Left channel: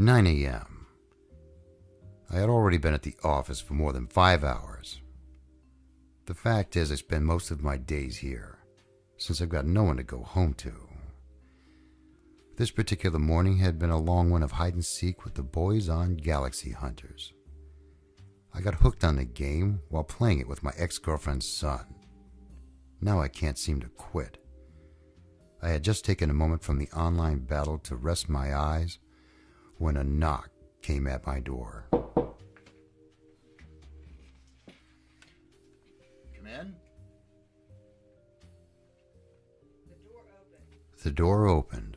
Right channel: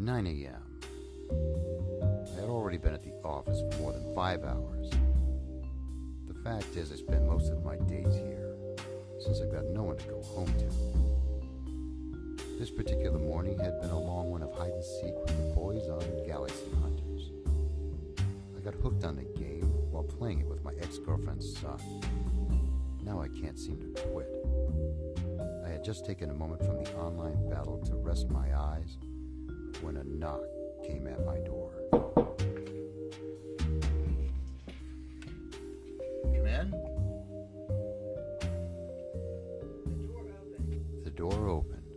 9 a.m. I had already been at the office for more than 5 hours. The fact is, I spend most of my days here, since I've got no one to go home to. This particular morning had been a long one of hide and seek with the boys on Galaxy Hunters. I got hooked on the game while playing it with my ex-girlfriend's son. Now I can't seem to quit. I had just taken a moment from the online battle to rest my eyes when a knock came at my door. Come in. The door opened,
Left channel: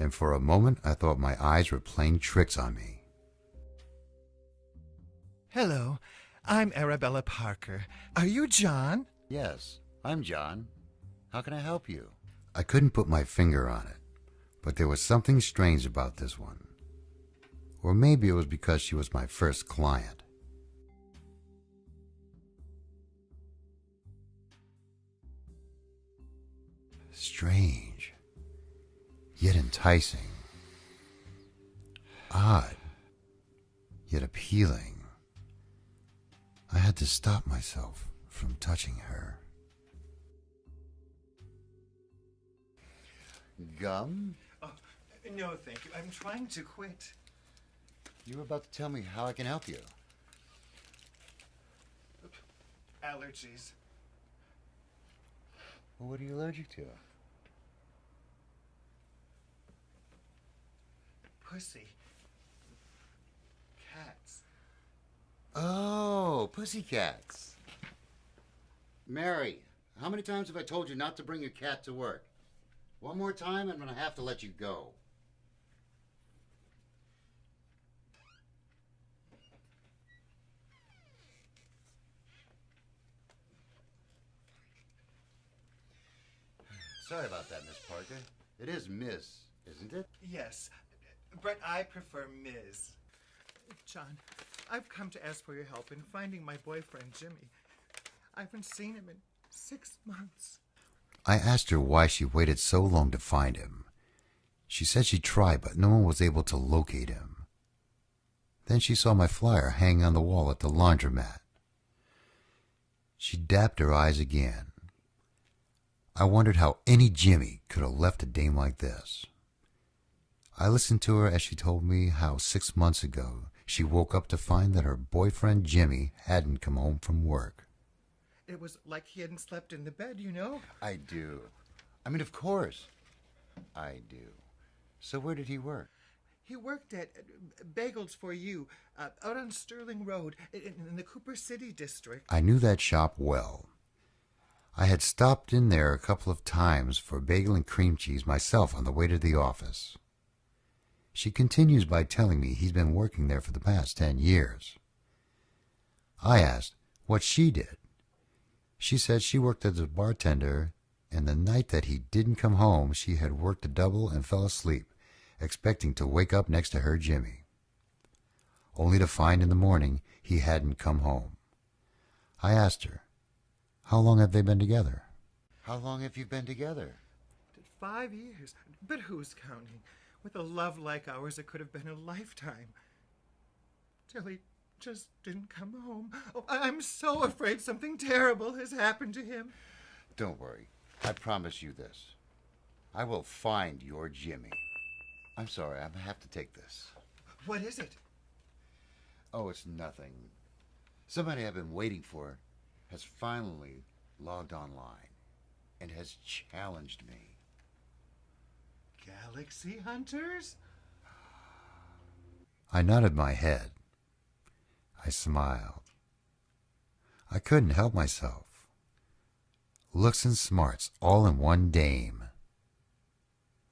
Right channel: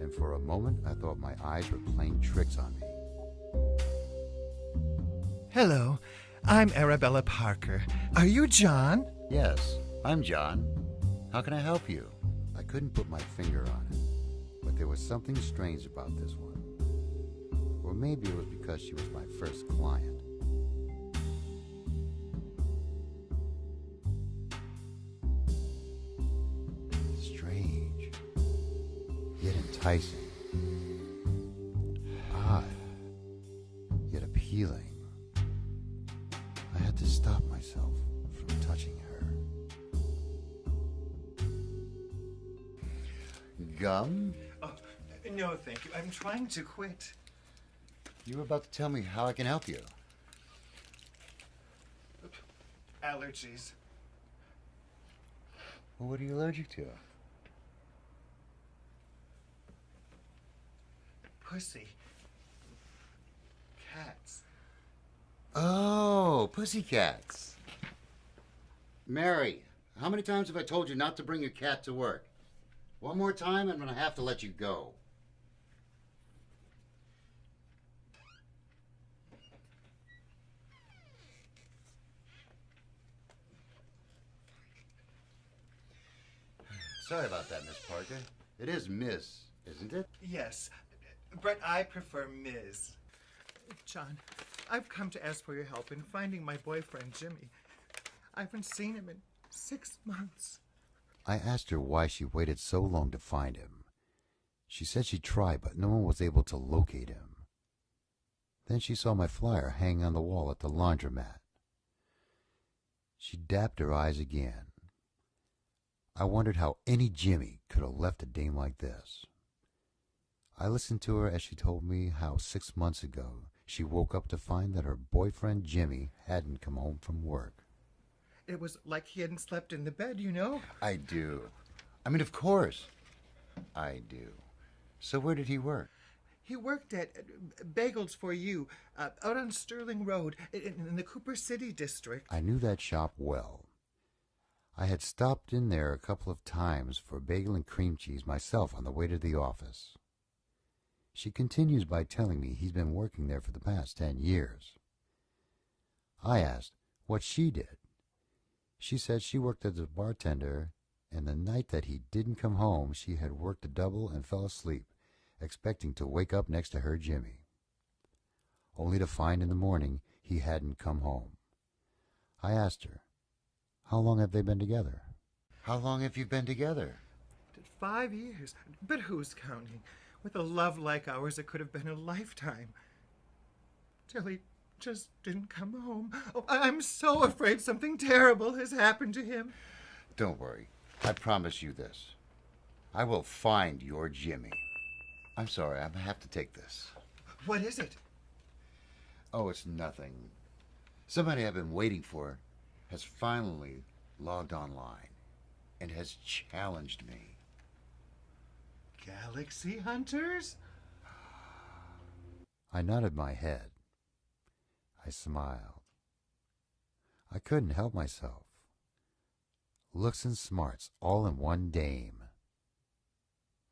and for a moment I thought my eyes were playing tricks on me. Hello, I'm Arabella Parker. Are you John? Yes, I'm John. How can I help you? I couldn't put my finger on it, but there was something strange about this one. Or maybe it was because she was my first client. Strange, yet enticing. Odd, yet appealing. I had to stop myself from touching her. Gum? Oh, no, thank you. I'm trying to quit. You were about to tell me how I can help you. Allergies. Well, what are you allergic to? Pussy. Cats. Oh, pussycats. Mary, how many times have I told you not to bring your cat to work? One more time, I'm going to have to let you go. Sorry about that, Miss Parker. It is Miss, isn't it? Yes, but I prefer Ms. John, I've come to ask for your help in finding my boyfriend, Jimmy. I haven't seen him in 6 months. I asked her why she waited so long to find him. She said she tried, but no one was able to locate him. Then she saw my flyer hanging on the wall at the laundromat. She dabbed her eyes again. I wondered how any Jimmy could have left a dame like this. I listened to her as she told me how 6 months ago she woke up to find that her boyfriend Jimmy hadn't come home from work. It was like he hadn't slept in the bed, you know? I do. I mean, of course. I do. So where did he work? He worked at Bagels for You, out on Sterling Road, in the Cooper City district. I knew that shop well. I had stopped in there a couple of times for bagel and cream cheese myself on the way to the office. She continues by telling me he's been working there for the past 10 years. I asked what she did. She said she worked as a bartender, and the night that he didn't come home, she had worked a double and fell asleep, expecting to wake up next to her Jimmy, only to find in the morning he hadn't come home. I asked her, how long have they been together? How long have you been together? 5 years. But who's counting? With a love like ours, it could have been a lifetime. Till he just didn't come home. Oh, I'm so afraid something terrible has happened to him. Don't worry. I promise you this. I will find your Jimmy. I'm sorry, I have to take this. What is it? Oh, it's nothing. Somebody I've been waiting for has finally logged online and has challenged me. Galaxy Hunters? I nodded my head. I smiled. I couldn't help myself. Looks and smarts all in one dame.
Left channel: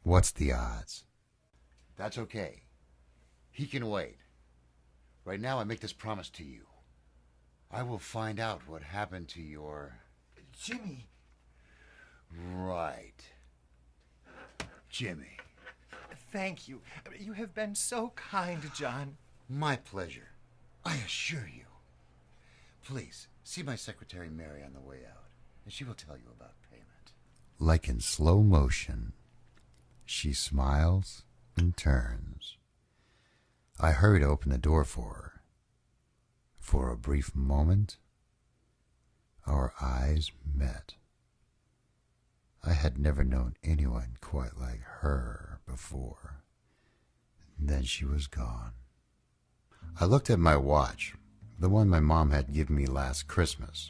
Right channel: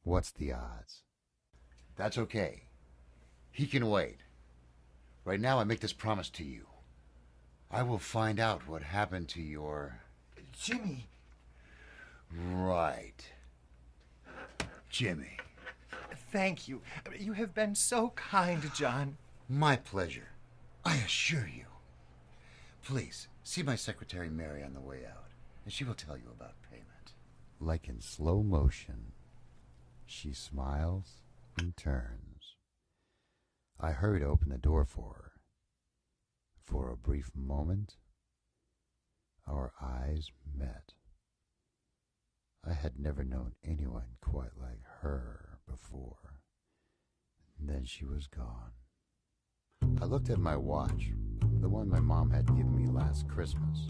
What's the odds? That's okay. He can wait. Right now I make this promise to you. I will find out what happened to your... Jimmy. Right. Jimmy. Thank you. You have been so kind, John. My pleasure. I assure you. Please, see my secretary Mary on the way out, and she will tell you about payment. Like in slow motion, she smiles and turns I hurried to open the door for her. For a brief moment, our eyes met. I had never known anyone quite like her before. Then she was gone. I looked at my watch, the one my mom had given me last Christmas.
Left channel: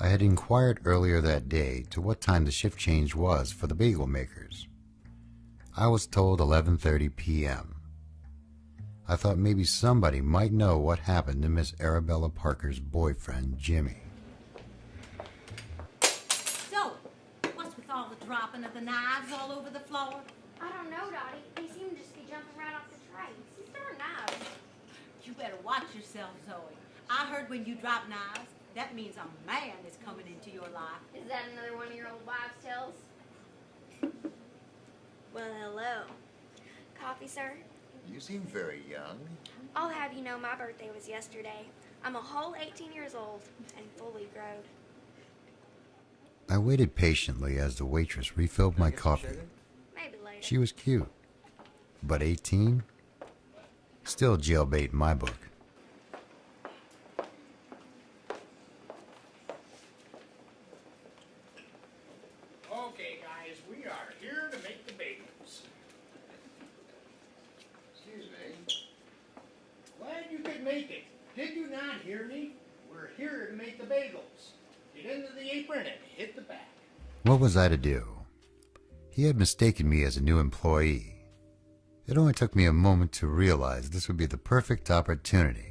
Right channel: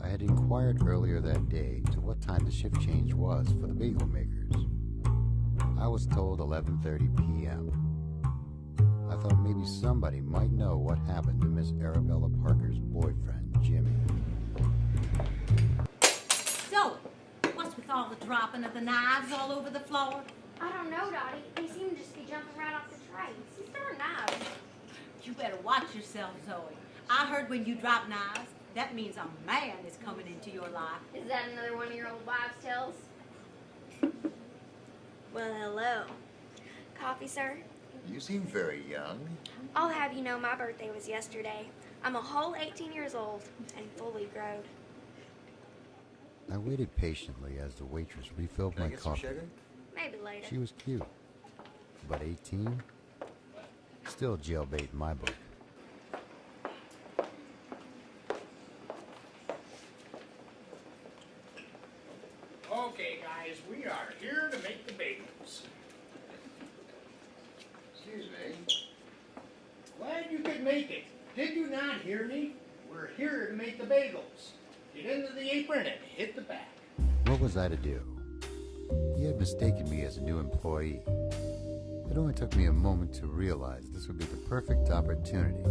I had inquired earlier that day to what time the shift change was for the bagel makers. I was told 11:30 p.m. I thought maybe somebody might know what happened to Miss Arabella Parker's boyfriend, Jimmy. So, what's with all the dropping of the knives all over the floor? I don't know, Dottie. They seem to just be jumping right off the tray. These are knives. You better watch yourself, Zoe. I heard when you drop knives, that means a man is coming into your life. Is that another one of your old wives' tales? Well, hello. Coffee, sir? You seem very young. I'll have you know my birthday was yesterday. I'm a whole 18 years old and fully grown. I waited patiently as the waitress refilled my coffee. Maybe later. She was cute, but 18? Still jailbait in my book. Okay, guys, we are here to make the bagels. Excuse me. Glad you could make it. Did you not hear me? We're here to make the bagels. Get into the apron and hit the back. What was I to do? He had mistaken me as a new employee. It only took me a moment to realize this would be the perfect opportunity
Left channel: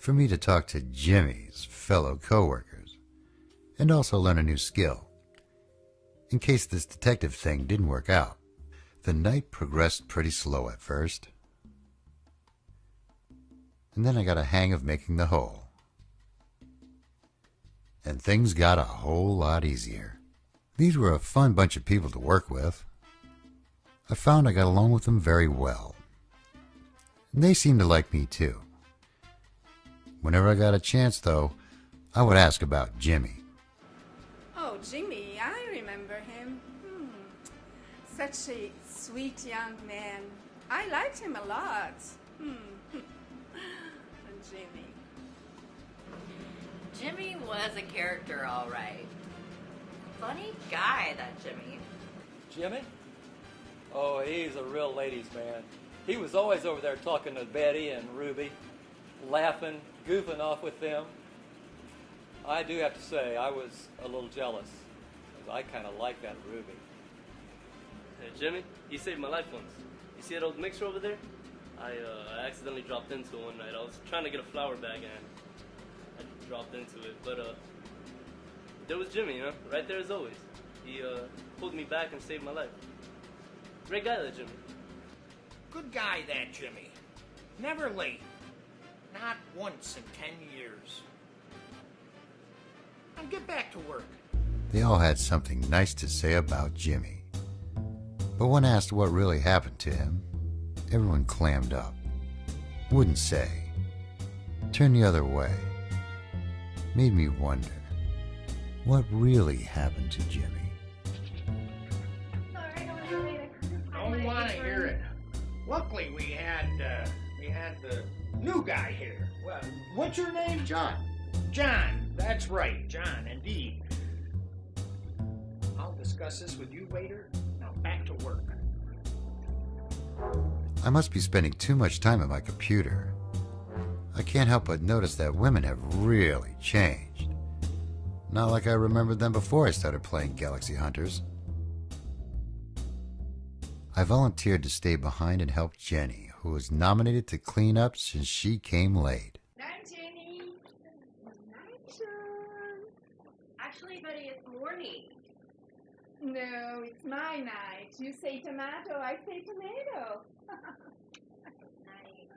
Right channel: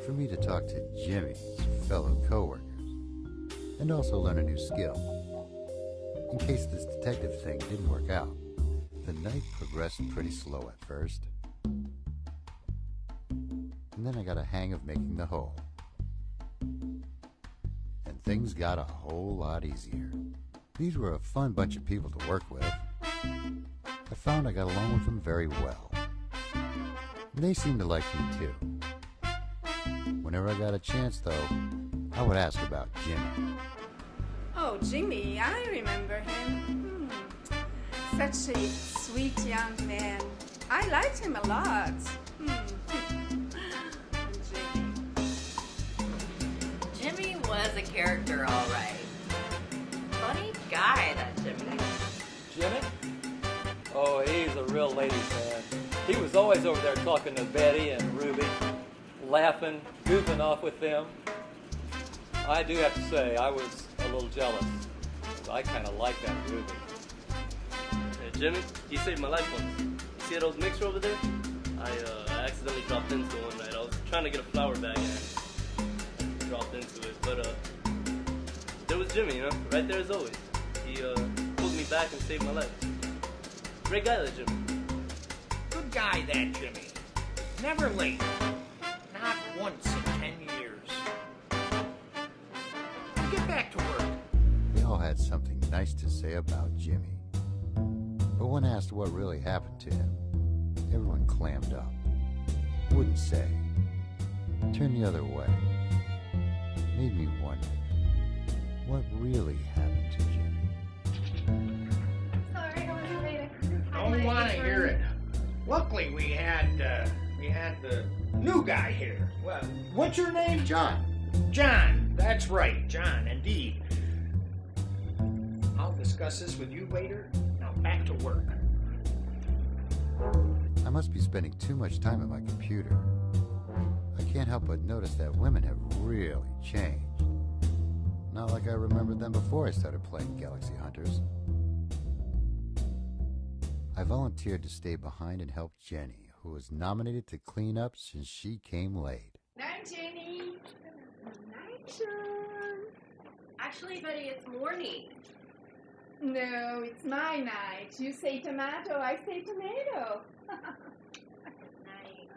for me to talk to Jimmy's fellow coworkers and also learn a new skill. In case this detective thing didn't work out, the night progressed pretty slow at first. And then I got a hang of making the whole. And things got a whole lot easier. These were a fun bunch of people to work with. I found I got along with them very well. And they seemed to like me too. Whenever I got a chance, though, I would ask about Jimmy. Oh, Jimmy, I remember him. Such a sweet young man. I liked him a lot. Jimmy. Jimmy was a character, all right. Funny guy, that Jimmy. Jimmy? Oh, he's a real ladies' man. He was always over there talking to Betty and Ruby, laughing, goofing off with them. I do have to say, I was a little jealous, because I kind of like that Ruby. Hey, Jimmy, you saved my life once. You see that old mixer over there? I accidentally dropped into one night. I was trying to get a flour bag and I dropped into it, but there was Jimmy, you know, right there as always. He pulled me back and saved my life. Great guy, that Jimmy. Good guy, that Jimmy. Never late. Not once in 10 years. Now get back to work. They all had something nice to say about Jimmy. But when asked what really happened to him, everyone clammed up. Wouldn't say. Turned the other way. Made me wonder, what really happened to Jimmy? Don't want to hear it. Luckily, we had the new guy here. Well, what's your name? John. John. That's right, John, indeed. I'll discuss this with you later. Now back to work. I must be spending too much time at my computer. I can't help but notice that women have really changed. Not like I remembered them before I started playing Galaxy Hunters. I volunteered to stay behind and help Jenny, who was nominated to clean up since she came late. Night, Jenny. Night, Sean. Actually, Betty, it's morning. No, it's my night. You say tomato, I say tomato. Night.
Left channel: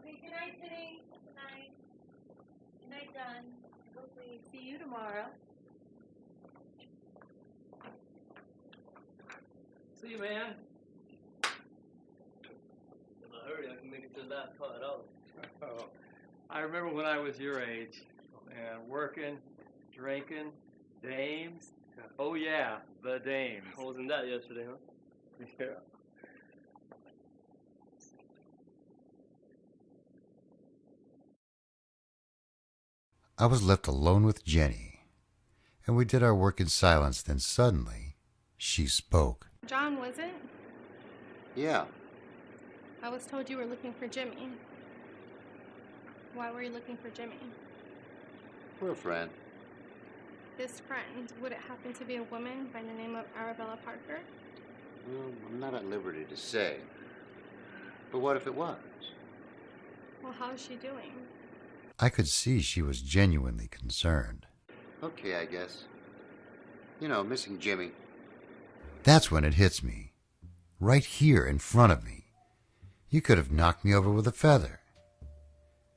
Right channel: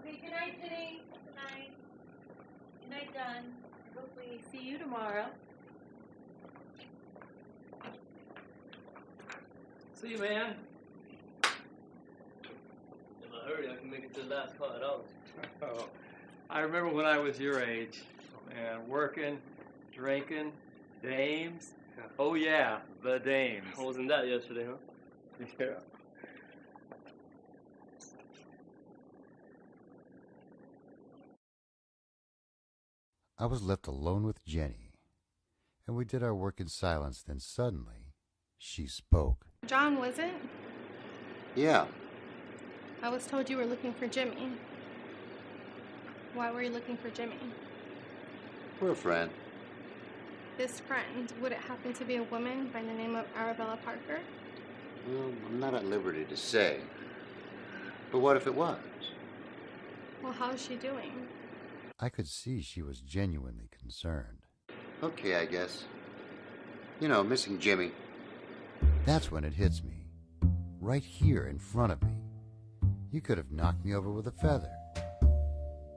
Okay, good night, Jenny. Good night. Good night, John. Hopefully see you tomorrow. See you, man. In a hurry, I can make it to the last $5. Oh, I remember when I was your age, and working, drinking, dames. Oh yeah, the dames. I wasn't that yesterday, huh? Yeah. I was left alone with Jenny, and we did our work in silence. Then suddenly, she spoke. John, was it? Yeah. I was told you were looking for Jimmy. Why were you looking for Jimmy? We're a friend. This friend, would it happen to be a woman by the name of Arabella Parker? Well, I'm not at liberty to say. But what if it was? Well, how's she doing? I could see she was genuinely concerned. Okay, I guess. You know, missing Jimmy. That's when it hits me. Right here in front of me. You could have knocked me over with a feather.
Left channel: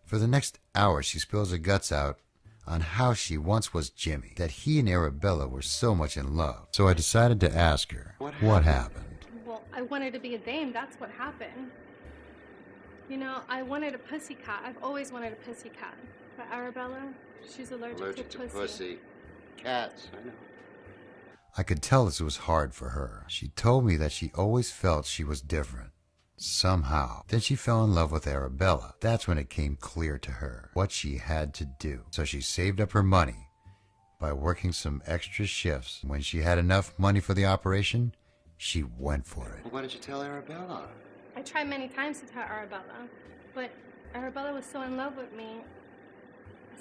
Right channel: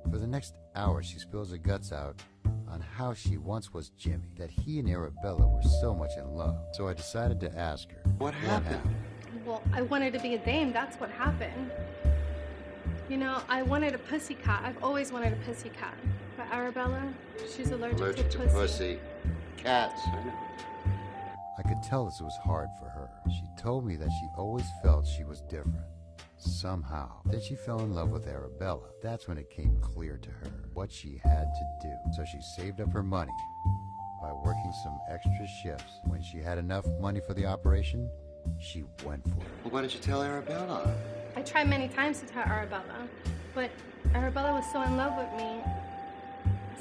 For the next hour, she spills her guts out on how she once was Jimmy, that he and Arabella were so much in love. So I decided to ask her, what happened? Well, I wanted to be a dame, that's what happened. You know, I wanted a pussy cat. I've always wanted a pussy cat. But Arabella, she's allergic to pussy. Cats, I know. I could tell this was hard for her. She told me that she always felt she was different. Somehow. Then she fell in love with Arabella. That's when it came clear to her what she had to do. So she saved up her money by working some extra shifts. When she had enough money for the operation, she went for it. Well, why didn't you tell Arabella? I tried many times to tell Arabella, but Arabella was so in love with me,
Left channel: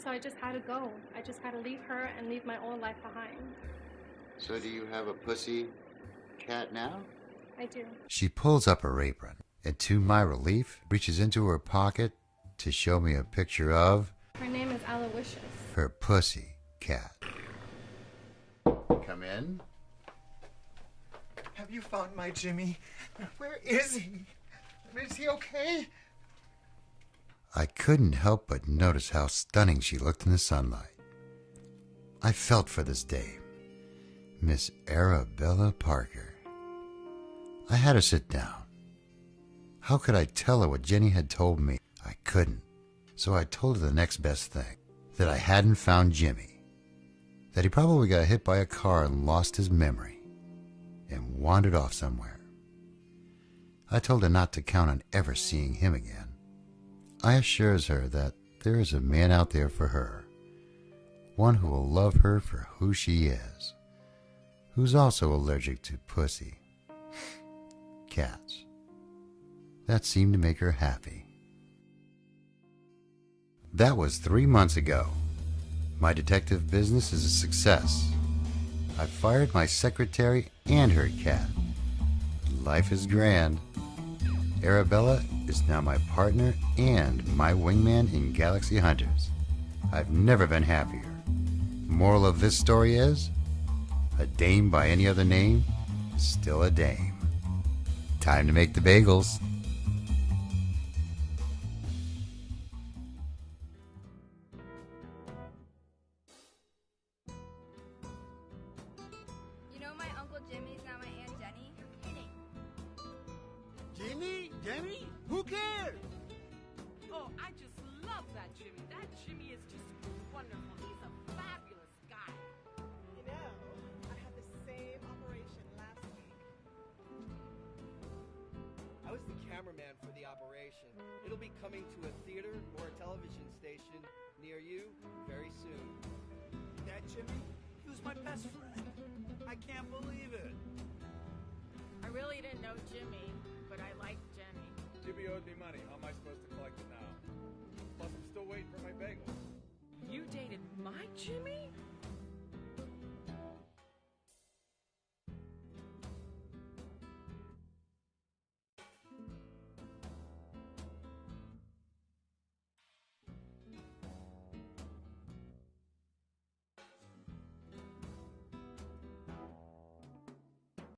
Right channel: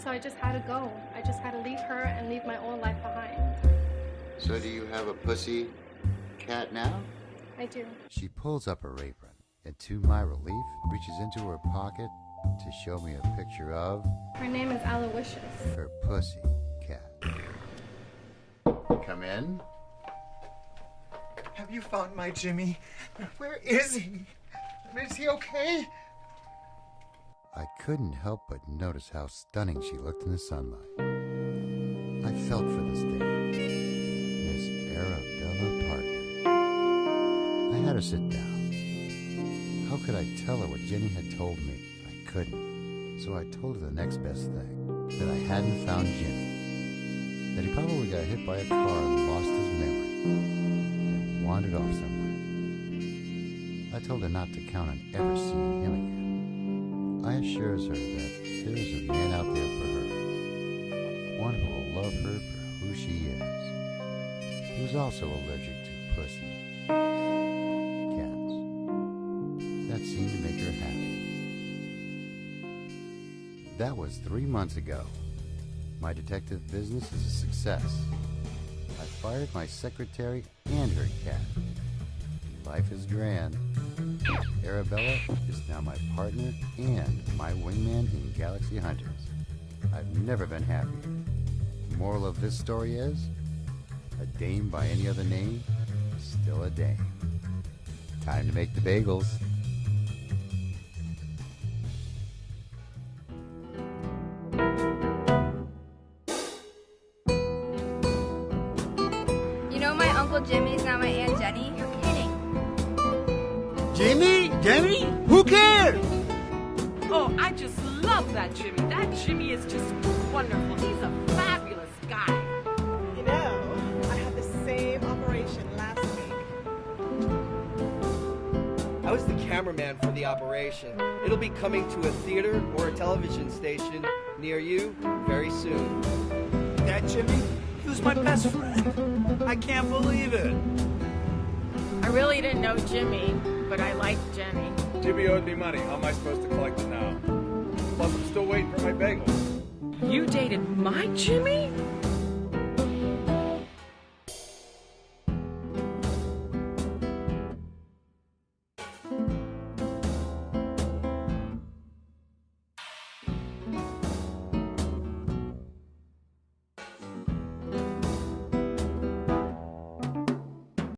so I just had to go. I just had to leave her and leave my old life behind. So do you have a pussy cat now? I do. She pulls up her apron, and to my relief, reaches into her pocket to show me a picture of... Her name is Aloysius. Her pussy cat. Come in. Have you found my Jimmy? Where is he? Is he okay? I couldn't help but notice how stunning she looked in the sunlight. I felt for this dame, Miss Arabella Parker. I had her sit down. How could I tell her what Jenny had told me? I couldn't. So I told her the next best thing, that I hadn't found Jimmy, that he probably got hit by a car and lost his memory, and wandered off somewhere. I told her not to count on ever seeing him again. I assures her that there is a man out there for her, one who will love her for who she is, who's also allergic to pussy. Cats. That seemed to make her happy. That was 3 months ago. My detective business is a success. I fired my secretary and her cat. Life is grand. Arabella is now my partner and my wingman in Galaxy Hunters. I've never been happier. Moral of this story is, a dame by any other name is still a dame. Time to make the bagels. You know my Uncle Jimmy's now my Aunt Jenny? You're kidding. Jimmy? Who cares? Oh, I just love that Jimmy. That Jimmy is just wonderful. He's a fabulous guy. You know, I had the same operation last week. I was the cameraman for the operation. It'll be coming to a theater or a television station near you very soon. That Jimmy? He was my best friend. I can't believe it. I really didn't know Jimmy, but I like Jenny. Jimmy owed me money. How am I supposed to collect it now? Plus, I'm still waiting for my bagels. You dated my Jimmy?